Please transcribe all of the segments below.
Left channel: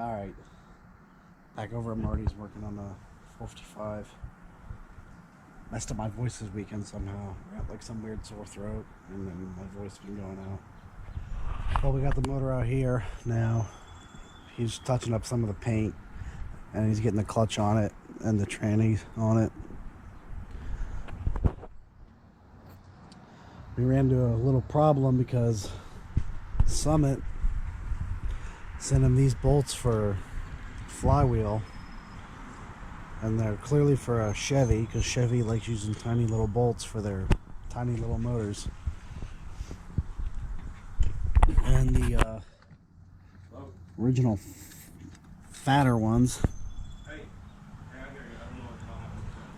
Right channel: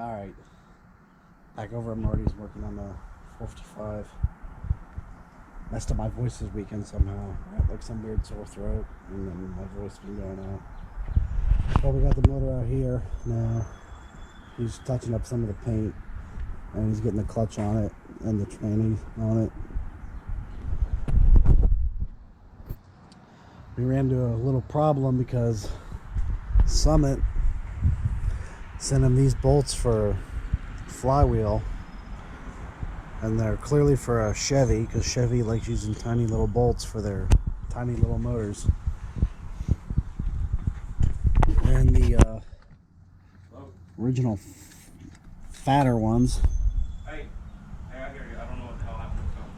Alright. Back over at Marty's working on the 455. Messed up my voice this weekend somehow. I got like some weird sore throat and then my voice been going out. Well, we got the motor out here now. He's touching up some of the paint and he's getting the clutch on it and the tranny on it. We ran into a little problem because Summit sent him these bolts for flywheel, and they're clearly for a Chevy because Chevy likes using tiny little bolts for their tiny little motors. And the original fatter ones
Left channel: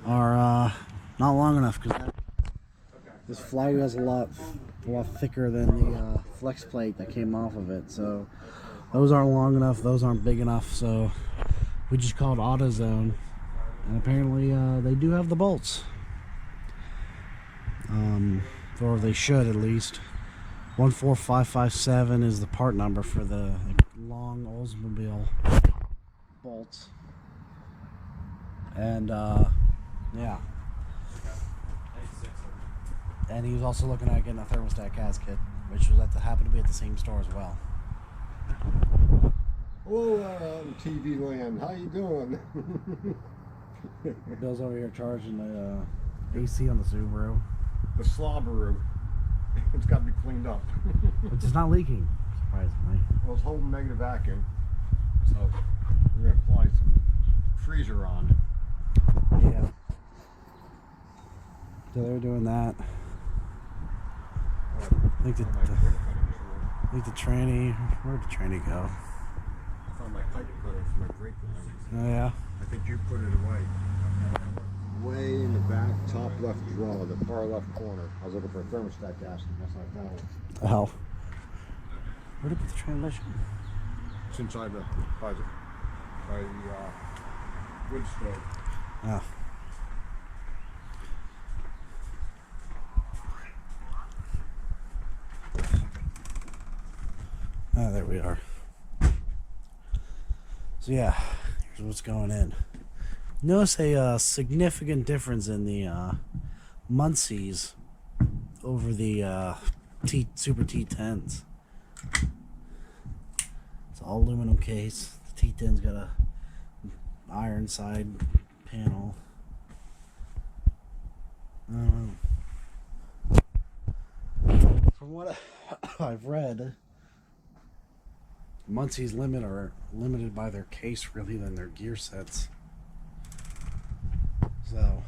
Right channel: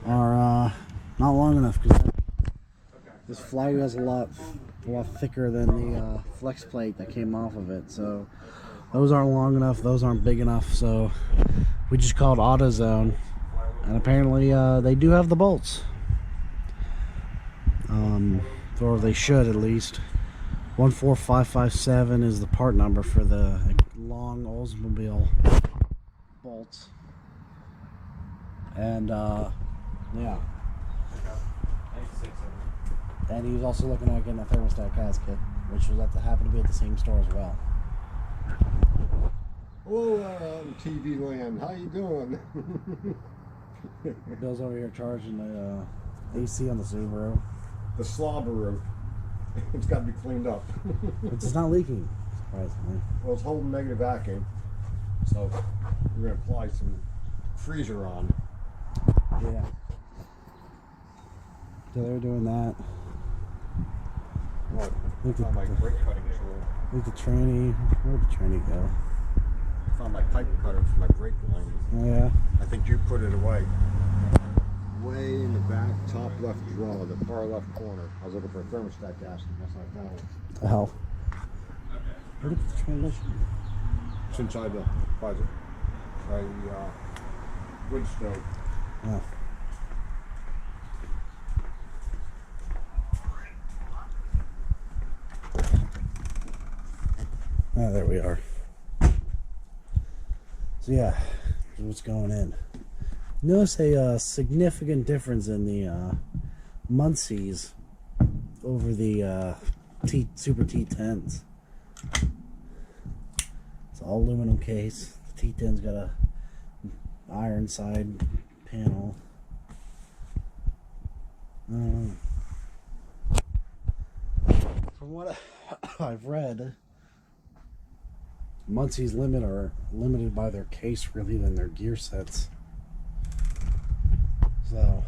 are not long enough because this flywheel is a lot thicker than the flex plate that came off of it. So those aren't long enough, those aren't big enough, so we just called AutoZone, and apparently they do have the bolts, or they should at least. 14557 is the part number for the long Oldsmobile bolts, and yeah. And he was also looking at getting a thermostat gasket, which was happened to be at the same store as well. Hello, TV land. How you doing? Bill's over here charging the AC on the Subaru. The slobberoo. It's got to be cleaned up. It's just not leaking, surprisingly. Well, it's holding negative vacuum, so we're going to apply some freezer on. Yeah. So they're doing that. What? I think the tranny, where'd the tranny go? I found my pipe cutter for my brake line. Oh yeah? I think you put it away. Way in the back, top left drawer, the far left corner. I was looking for a thermostat gasket. That's not found it. Oh. Where'd it put the transmission? It's inside by the wood stove. Oh. Oh, there we are. So yeah, here's what's going in. Notice a significant difference in the Muncies over the Super T10s. It's all aluminum case. The T10's got a iron side panel. I don't know. From what I've read, Muncie's are limited by their case really than their gear sets. So,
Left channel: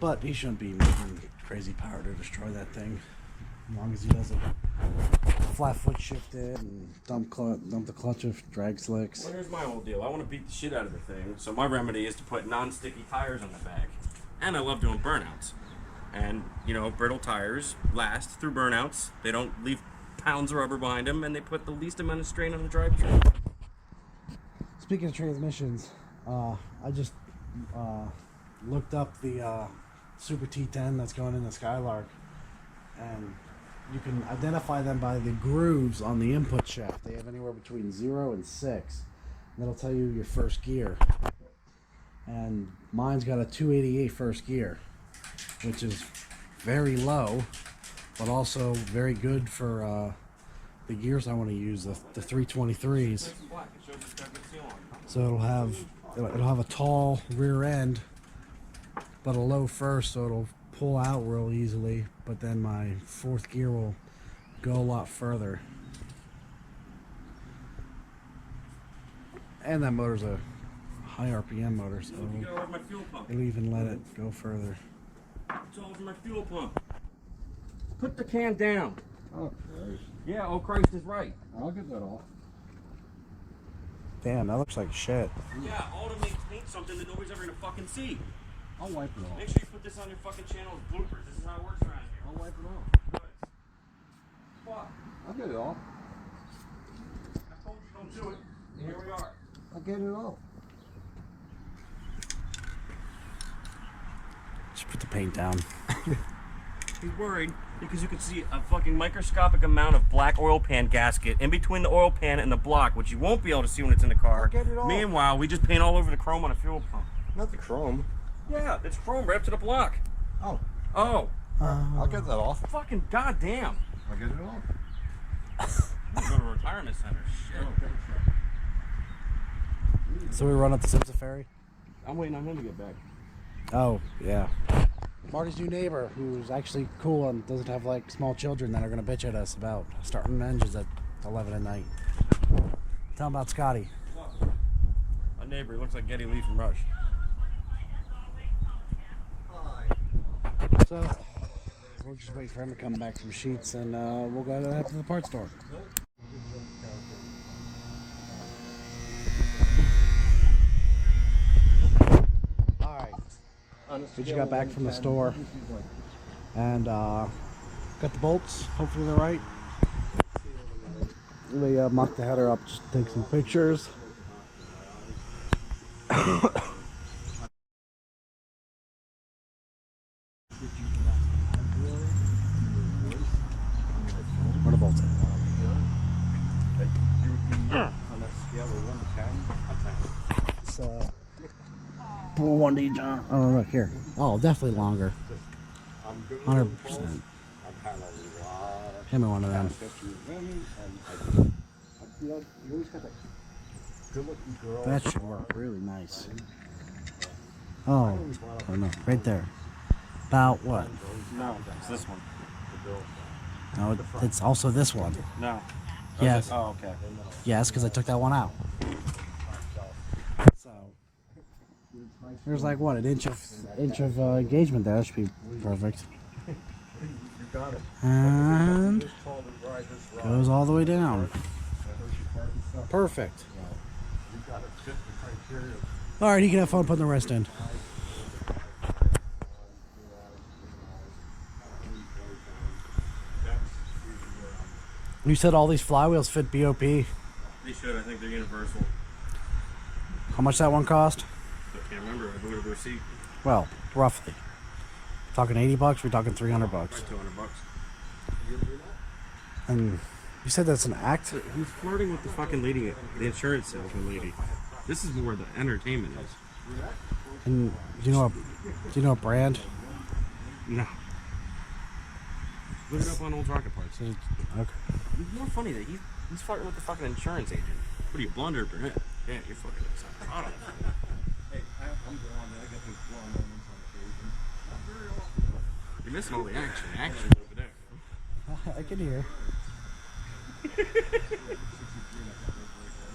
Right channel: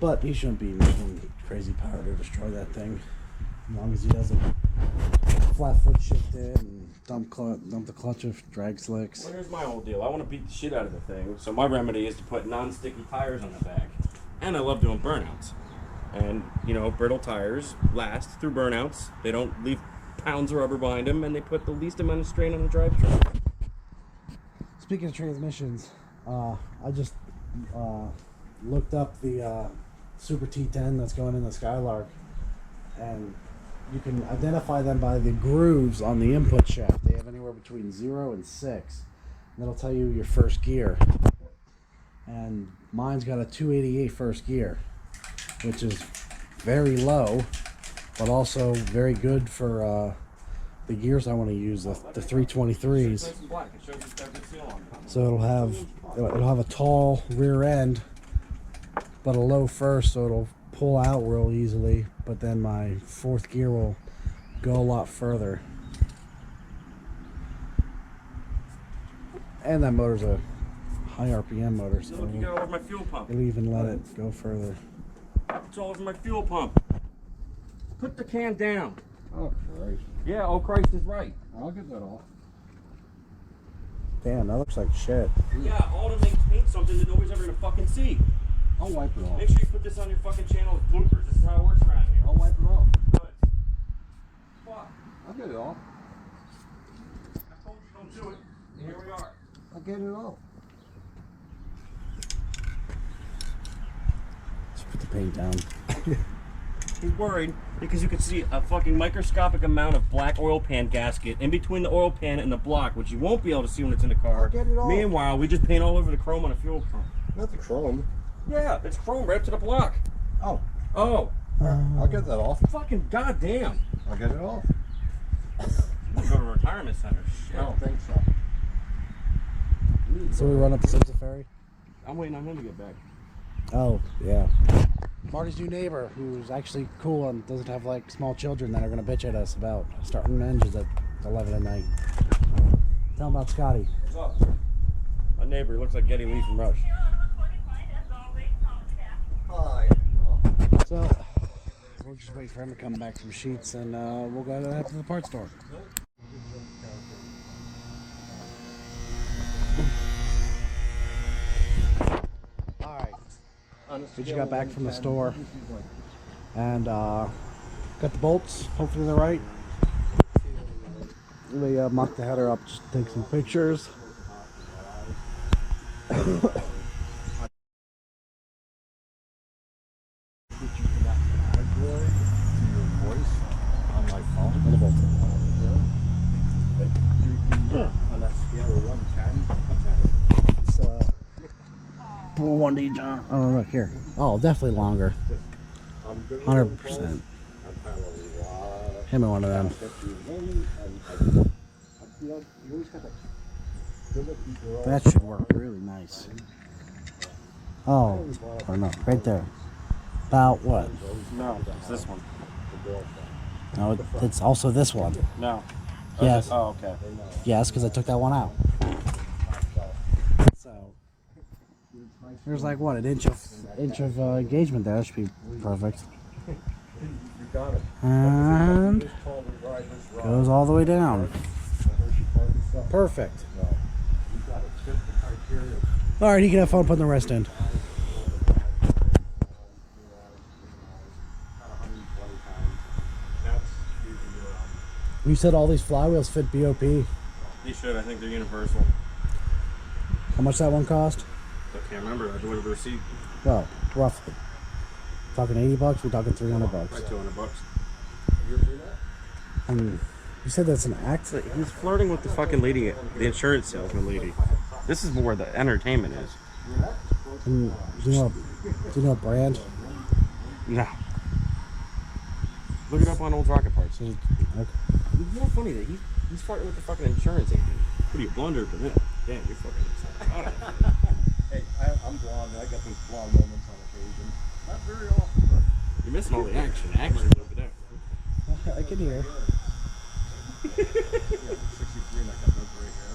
but he shouldn't be making crazy power to destroy that thing, as long as he doesn't flat foot shift it and dump the clutch of drag slicks. Well, here's my whole deal. I want to beat the shit out of the thing, so my remedy is to put non-sticky tires on the back. And I love doing burnouts. And, you know, brittle tires last through burnouts. They don't leave pounds of rubber behind them, and they put the least amount of strain on the drivetrain. Speaking of transmissions, I just looked up the Super T10 that's going in the Skylark, and you can identify them by the grooves on the input shaft. They have anywhere between 0 and 6, and that'll tell you your first gear. And mine's got a 288 first gear, which is very low, but also very good for the gears I want to use, the 323s. So it'll have a tall rear end, but a low first, so it'll pull out real easily. But then my fourth gear will go a lot further. And that motor's a high RPM motor, so Look, you got all over my fuel pump. it'll even let it go further. It's all over my fuel pump. Put the can down. Oh, Christ. Yeah, oh Christ is right. I'll get that off. Damn, that looks like shit. Yeah, all to maintain something that nobody's ever gonna fucking see. I'll wipe it off. Make sure you put this on your fucking channel as bloopers. This is how it works around here. I'll wipe it off. Good. Fuck. I'll get it off. I told you don't do it. And here we are. I'll get it off. Just put the paint down. me worried because you could see a fucking microscopic amount of black oil pan gasket in between the oil pan and the block, which you won't be able to see when it's in the car. I'll get it off. Meanwhile, we just paint all over the chrome on a fuel pump. Not the chrome. Yeah, it's chrome right up to the block. Oh, Oh, I'll get that off. fucking goddamn. I'll get it off. I'm gonna go to a retirement center. Shit. I don't think so. So we run up the Simpson Ferry. I'm waiting on him to get back. Oh yeah. Marty's new neighbor, who's actually cool and doesn't have like small children that are gonna bitch at us about starting engines at 11 at night. Tell him about Scotty. What's up? My neighbor looks like Geddy Lee from Rush. Hi. So we'll just wait for him to come back from Sheets, and we'll go to the parts store. All right. We just got back from the store and got the bolts. Hopefully they're right. We mocked the header up, just take some pictures. Where the bolts at? It's 1D John. Oh look here. Oh, definitely longer. 100%. Him and one of them. That should work really nice. Oh, oh no, right there. About what? No, it's this one. No, it's also this one. No. Yes. Oh, okay. Yes, because I took that one out. So there's like what, an inch of engagement there. That should be perfect. And goes all the way down. Perfect. All right, he can have fun putting the rest in. You said all these flywheels fit BOP. They should. I think they're universal. How much that one cost? I can't remember. I delivered the receipt. Well, roughly. Talking 80 bucks, we're talking 300 bucks. Right, $200. And you said that's an act? He's flirting with the fucking lady, the insurance salesman lady. This is where the entertainment is. And do you know a brand? No. Look it up on Old Rocket Parts. Okay. It's more funny that he's flirting with the fucking insurance agent. What are you, blonde or brunette? Yeah, you're fucking excited. Hey, I'm blonde. I got those blonde moments on occasion. Not very often, but You're missing all the action. Action over there. I can hear. yeah, 63 and I got no gray hair.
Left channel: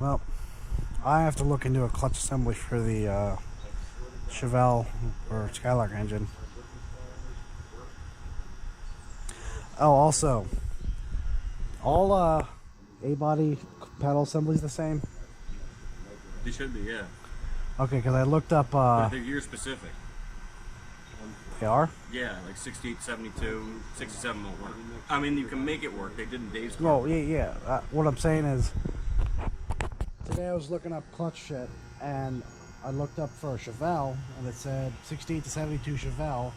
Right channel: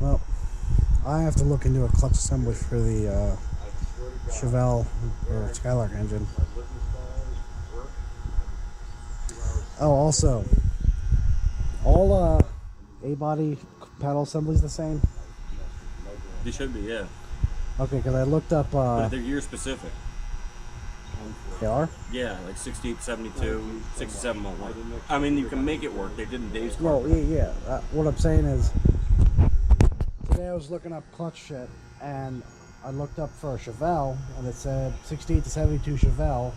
Well, I have to look into a clutch assembly for the Chevelle or Skylark engine. Oh, also, all A-body paddle assemblies the same? They should be, yeah. Okay, because I looked up. But they're year specific. They are? Yeah, like 68, 72, 67 won't work. I mean, you can make it work. They did in Dave's car. No, yeah. What I'm saying is, today I was looking up clutch shit, and I looked up for a Chevelle, and it said 68 to 72 Chevelle,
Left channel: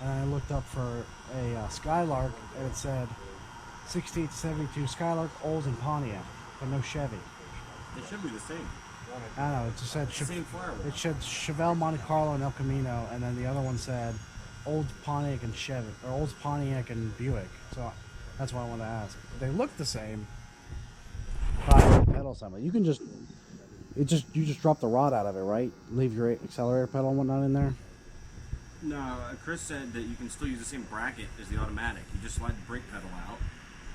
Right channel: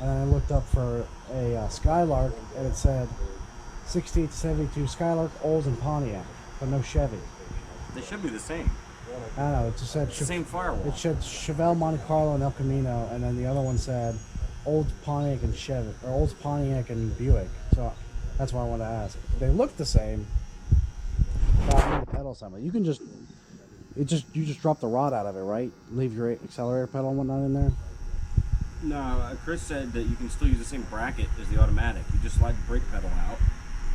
and then I looked up for a Skylark, and it said 68 to 72 Skylark, Olds, and Pontiac, but no Chevy. They should be the same. I don't know, it just said It's the same firewall. it said Chevelle, Monte Carlo, and El Camino, and then the other one said Olds, Pontiac, and Chevy, or Olds, Pontiac, and Buick. So that's why I wanted to ask. They look the same. Pedal assembly. You can just you just drop the rod out of it, right? Leave your accelerator pedal and whatnot in there. No, Chris said that you can still use the same bracket as the automatic. You just slide the brake pedal out,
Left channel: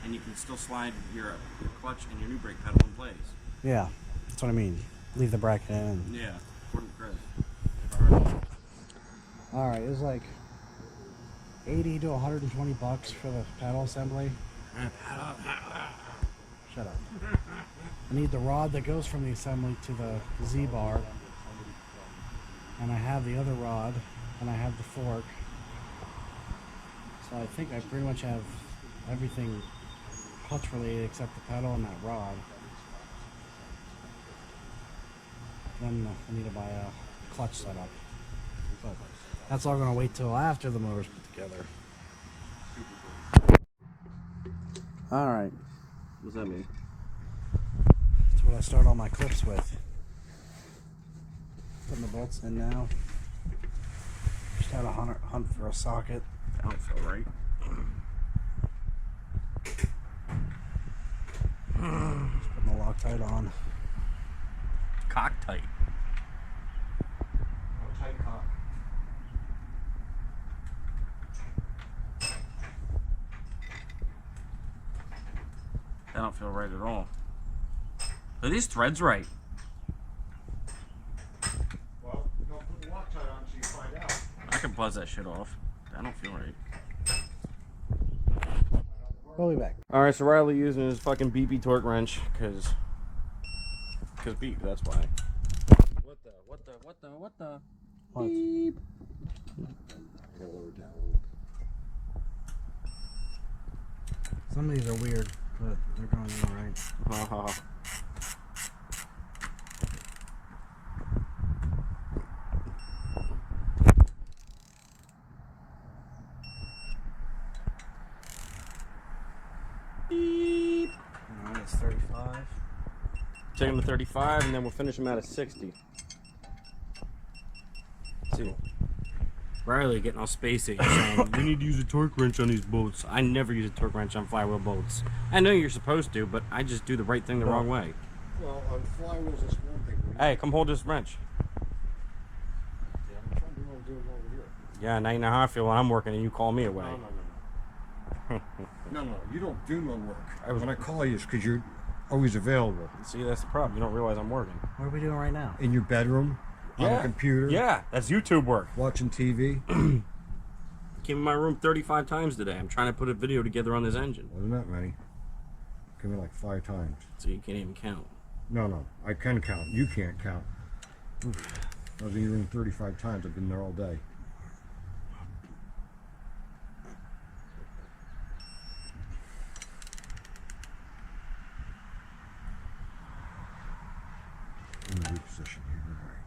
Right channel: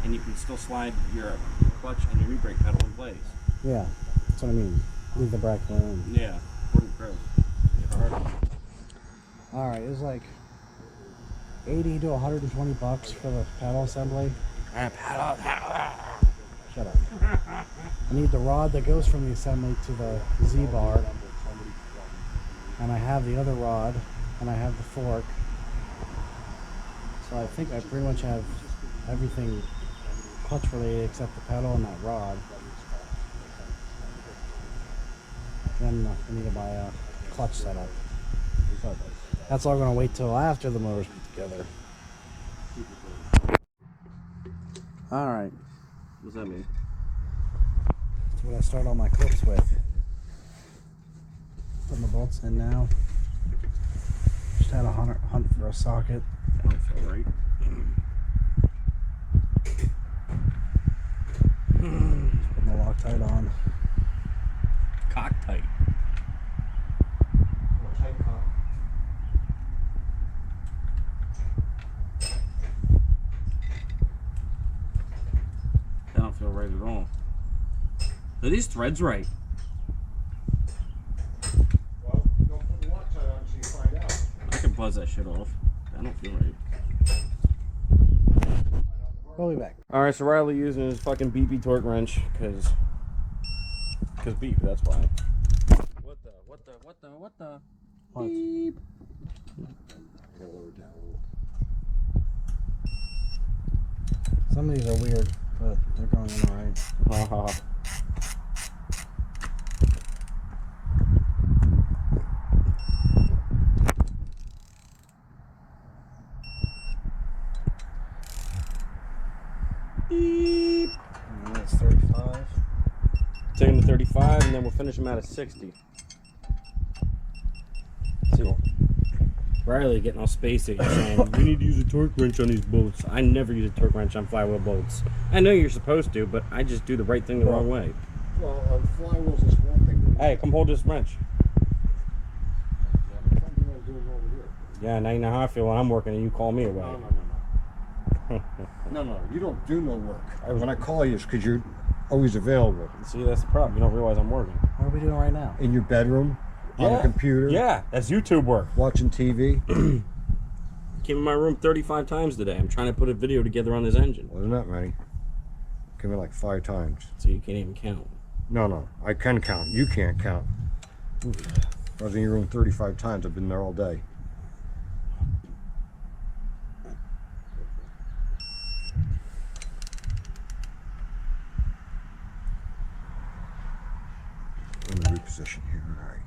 and you can still slide your clutch and your new brake pedal in place. Yeah, that's what I mean. Leave the bracket in. Yeah, according to Chris. Never heard of it. All right, it was like 80 to 120 bucks for the pedal assembly. Shut up. I need the rod that goes from the assembly to the Z-bar, and I have the other rod, and I have the fork. So I think I pretty much have everything clutch related except the pedal and that rod. Then I need to buy a clutch setup. But That's all gonna wait till after the motor's put together. Alright. What's that mean? That's what I start all my clips with. Putting the bolts in now. Just had a hunt for a socket. That don't feel right. Just putting the Loctite on. Cock tight. Oh, tight cock. That don't feel right at all. Are these threads right? Well, don't put the Loctite on so you find out. I can buzz that shit off. That don't feel right. We'll be back. Alright, so Riley using his fucking beepy torque wrench, cause beep, that's why. What the? What? Beep. I gotta lower it down a little. Some of these are weird, but they're going in alright. Ha ha. Beep. Alright, it's 35. Take him to 35 and then we'll finish him out at 60. See. Riley getting all spacey saying, we need to use a torque wrench on these bolts. I never use a torque wrench on flywheel bolts. I know you're supposed to, but I just do the right thing the wrong way. Well, on flywheels, that's one thing. Hey, come hold this wrench. Yeah, I'm trying to do it over here. Yeah, now you know how I feel when I'm working and you call me away. No, you don't do no work. When I call you, it's because you're always available. See, that's the problem. You don't realize I'm working. What are we doing right now? In your bedroom, on a computer, Yeah, that's YouTube work. watching TV. Came in my room 35 times today. I'm trying to put a video together on this engine. Wasn't that many? Came in like 5 times. So you can't even count. No, I can count. You can't count. I was in your room 35 times. I've been there all day. In the reposition here, all right.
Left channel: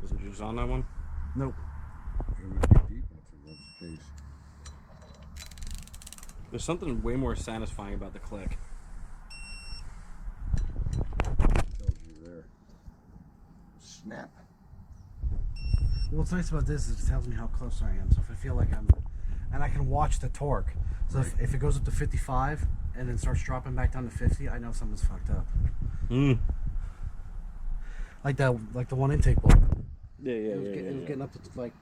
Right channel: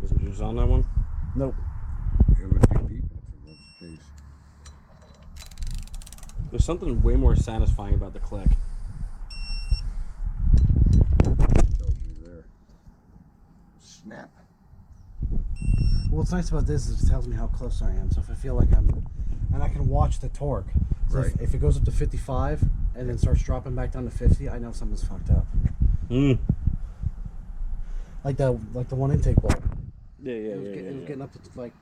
Wasn't yours on that one? Nope. It would be beeping if it was the case. There's something way more satisfying about the click. Tells you there. Snap. Well, what's nice about this is it tells me how close I am. So if I feel like and I can watch the torque. So Right. if it goes up to 55 and then starts dropping back down to 50, I know something's fucked up. Like the one intake bolt. Yeah, It was getting up to like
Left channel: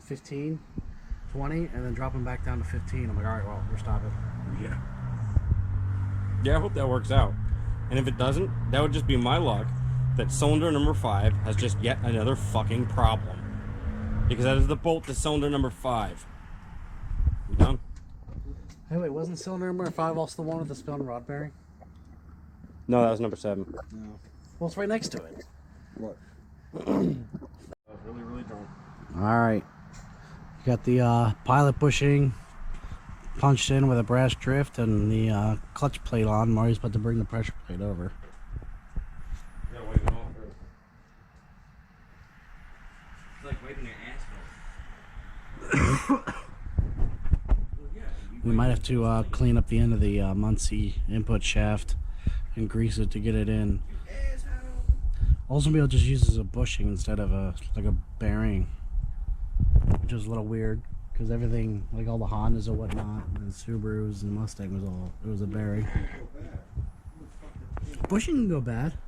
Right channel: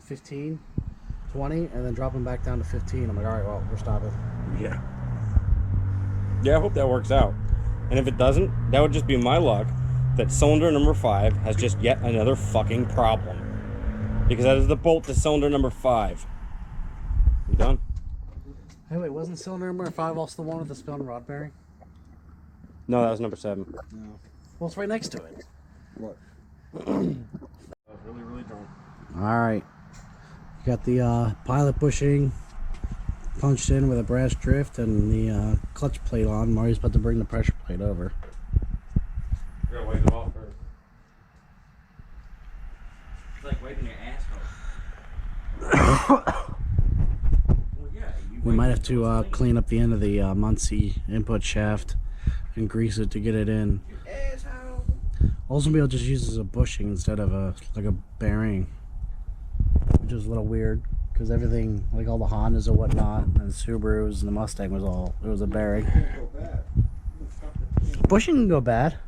15, 20, and then dropping back down to 15. I'm like, all right, well, we're stopping. Yeah. Yeah, I hope that works out. And if it doesn't, that would just be my luck that cylinder number 5 has just yet another fucking problem. Because that is the bolt to cylinder number 5. You done? Hey, wait, wasn't cylinder number 5 also the one with the spun rod bearing? No, that was number 7. No. Well, it's right next to it. What? I was really drunk. All right. You got the pilot bushing punched in with a brass drift and the clutch plate on. Marty's about to bring the pressure plate over. You're gonna wipe it off first. It's like wiping your asshole. Well, yeah, We might have to clean up the end of the Muncie input shaft and grease it to get it in. Oldsmobile just uses a bushing instead of a bearing, which is a little weird because everything, like all the Hondas or whatnot, and the Subarus and the Mustang it was a bearing. Can't go bad. Bushing can go bad.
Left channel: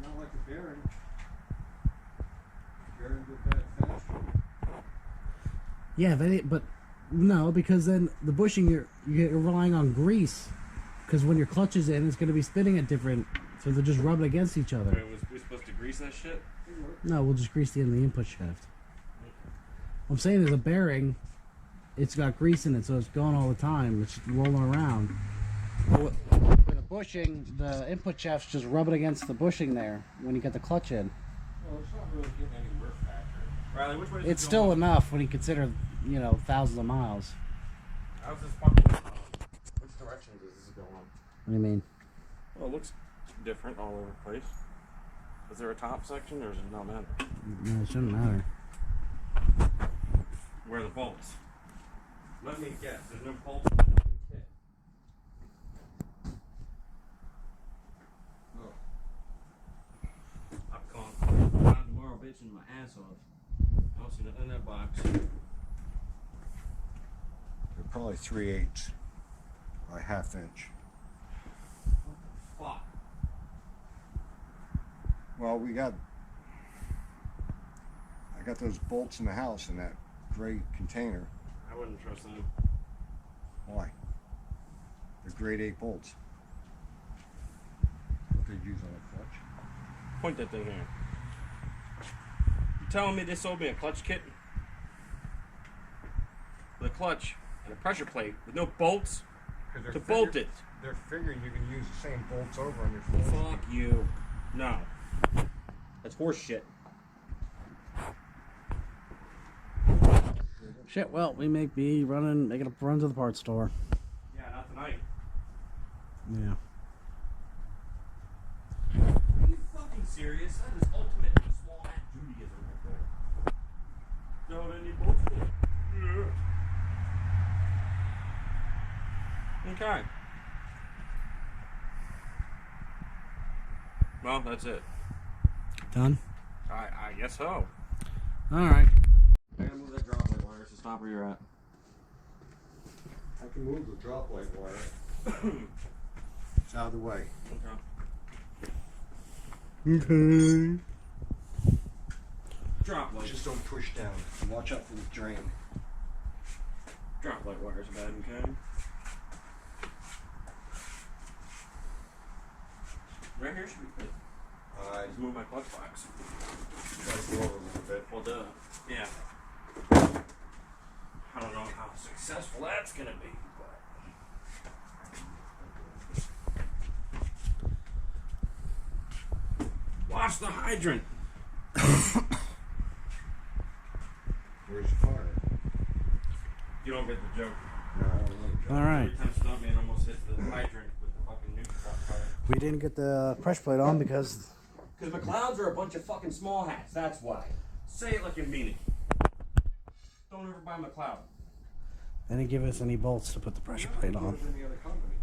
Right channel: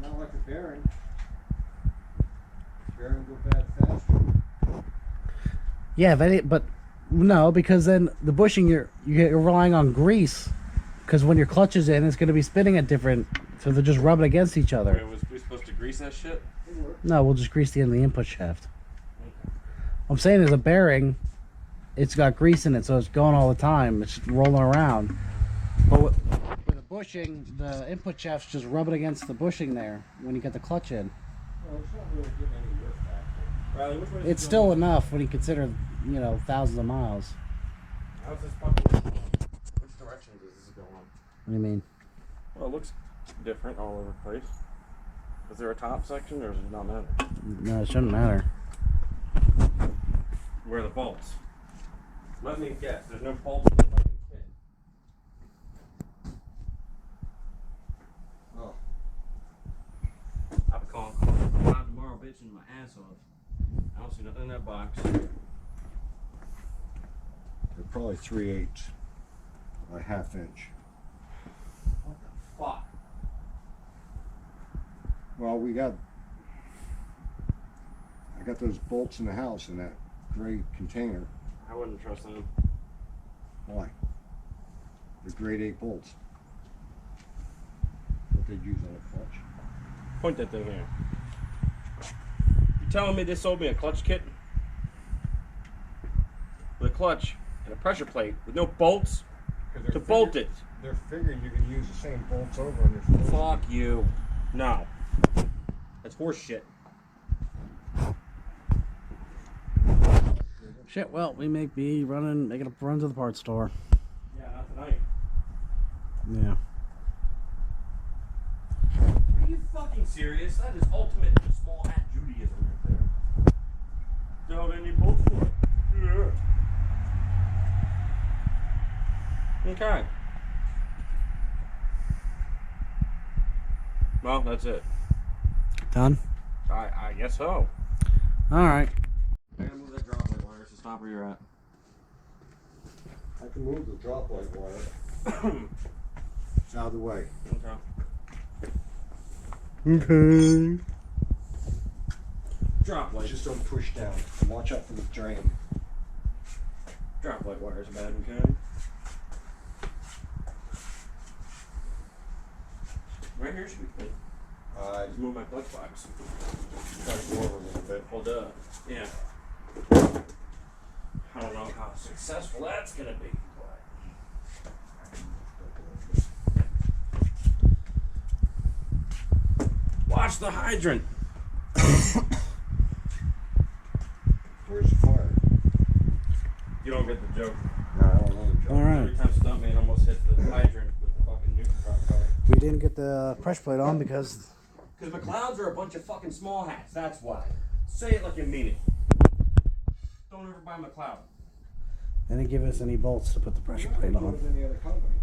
Not like a bearing. Bearing go bad faster. Yeah, but no, because then the bushing you're relying on grease, because when your clutch is in, it's going to be spinning at different, so they're just rubbing against each other. was we supposed to grease that shit? No, we'll just grease the end of the input shaft. What I'm saying is a bearing, it's got grease in it, so it's going all the time. It's just rolling around. But with a bushing, the input shaft's just rubbing against the bushing there when you get the clutch in. Well, it's not really getting any work factor. Riley, which way is It's still enough when you consider, thousands of miles. How's this fucking which direction does this go on? What do you mean? Well, it looks different all over the place. Is there a top section or does it not matter? No, it shouldn't matter. Where are the bolts? Let me guess. There's no bolts in the fucking kit. Oh. I'll be calling Clyde tomorrow, bitching my ass off. I don't see nothing in that box. They're probably 3/8 by 1/2 inch. What the fuck? Well, I got those bolts in the house in that gray container. I wouldn't trust them. Why? They're grade 8 bolts. What they'd use on a clutch. Point that thing here. You telling me this sold me a clutch kit? With a clutch and a pressure plate with no bolts to bolt it. They're figuring you can use the same bolts over on your Fuck you. No. That's horse shit. Shit, well, we may be making a run to the parts store. Yeah, not tonight. Yeah. Are you fucking serious? That is ultimate small hat Judaism right there. Don't have any bolts for it. Yeah. Okay. Well, that's it. Done? I guess so. Alright. I gotta move that drop light wire, so stop where you're at. I can move the drop light wire. It's out of the way. Okay. Okay. Drop light. Just don't push down. And watch out for the drain. Drop light wire's bad, okay? Right here should be good. Just move my clutch box. Gotta go over a little bit. Well, duh. Yeah. I don't know how successful that's gonna be, but. Watch the hydrant. Where's the fire? You don't get the joke. No, I don't know the job. Alright. Every time Stuntman almost hits the hydrant with the fucking neutron fire. We didn't get the pressure plate on because Because McLeods are a bunch of fucking small hats, that's why. Say it like you mean it. Don't ever buy McLeod. they didn't give us any bolts to put the pressure plate on. Any other company.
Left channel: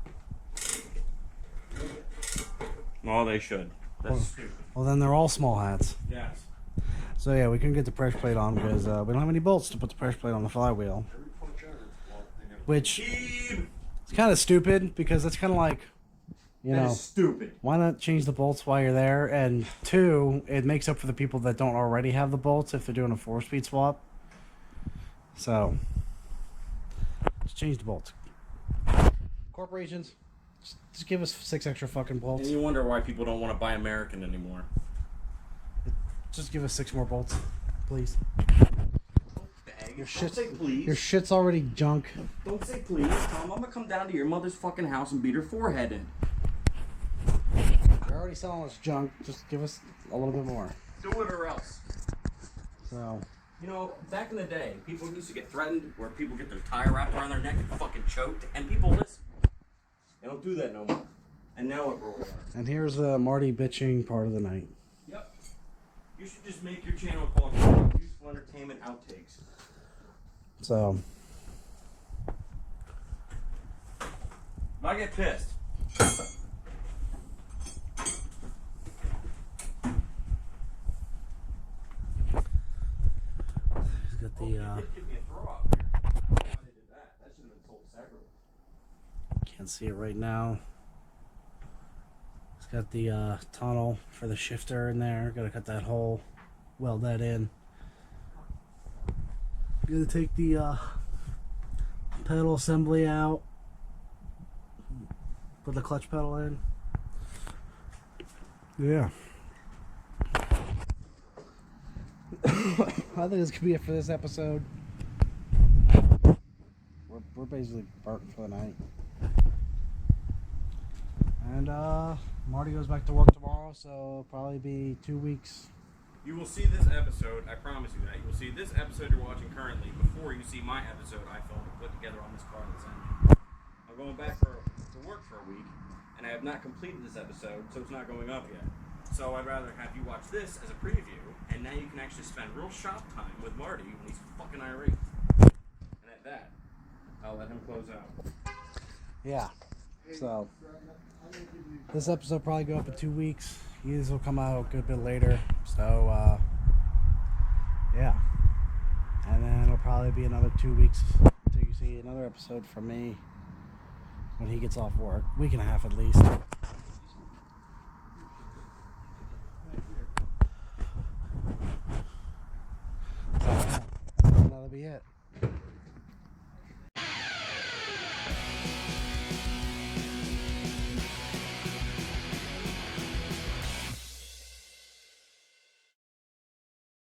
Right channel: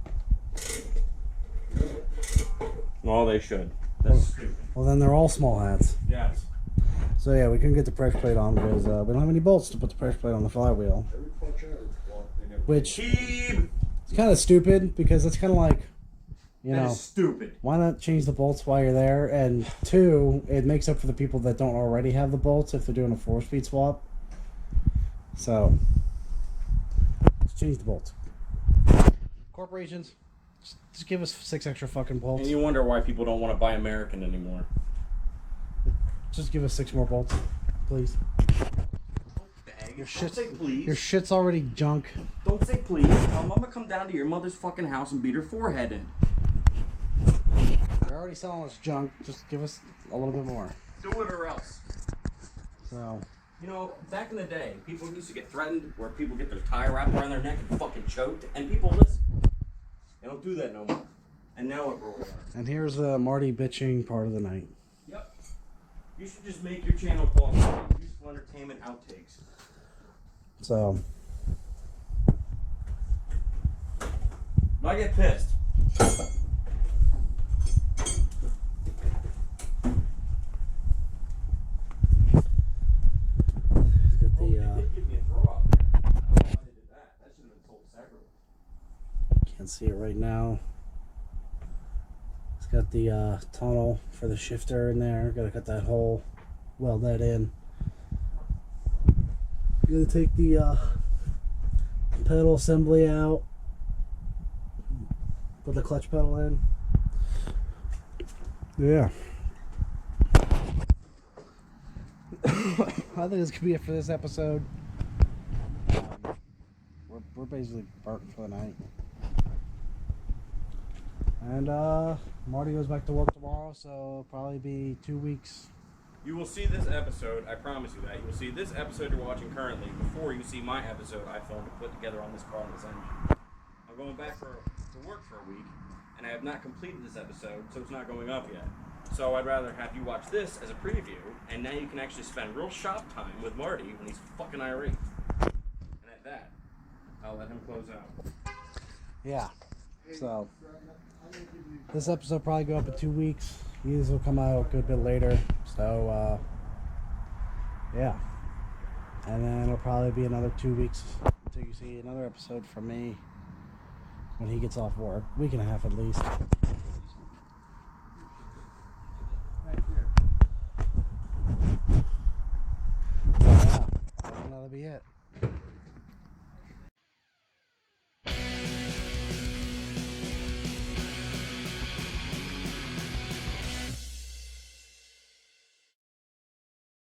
Well, they should. That's stupid. Well, then they're all small hats. Yes. So yeah, we couldn't get the pressure plate on because we don't have any bolts to put the pressure plate on the flywheel. Every clutch out, well, they never. Which Keeb! is kind of stupid because it's kind of like, you That know, is stupid. why not change the bolts while you're there? And two, it makes up for the people that don't already have the bolts if they're doing a 4-speed swap. So, just change the bolts. Corporations, just give us 6 extra fucking bolts. And you wonder why people don't want to buy American anymore. Just give us 6 more bolts, please. Bag. Your Don't shit's, say please. your shit's already junk. Don't say please. Tell Mama come down to your mother's fucking house and beat her forehead in. You're already selling us junk. Just give us a little bit more. Do it or else. So, You know, back in the day, people used to get threatened where people get their tie wrapped around their neck and fucking choked, and people listen. They don't do that no more. And now what we're and here's the Marty bitching part of the night. Yep. You should just make your channel called Useful Entertainment Outtakes. So, I get pissed. he's got the, Give me a throw out there. I don't know why they did that. That should have been told separately. can't see it right now. It's got the tunnel for the shifter in there. Gotta cut that hole, weld that in. Gotta take the pedal assembly out. Put the clutch pedal in. Yeah. I think this could be it for this episode. We're basically burnt for the night. And Marty goes back to work tomorrow, so it'll probably be 2 weeks. You will see this episode, I promise you that. You will see this episode you're watching currently before you see my episode I filmed and put together on this car and this engine. I'm going back to work for a week, and I have not completed this episode, so it's not going up yet. So I'd rather have you watch this as a preview, and now you can actually spend real shop time with Marty when he's fucking irate. And at that, I'll let him close out. Yeah. So this episode probably go up in 2 weeks. These will come out a good bit later. So yeah. And then it'll probably be another 2 weeks until you see another episode from me when he gets off work. Week and a half at least. So yeah, I think that'll be it.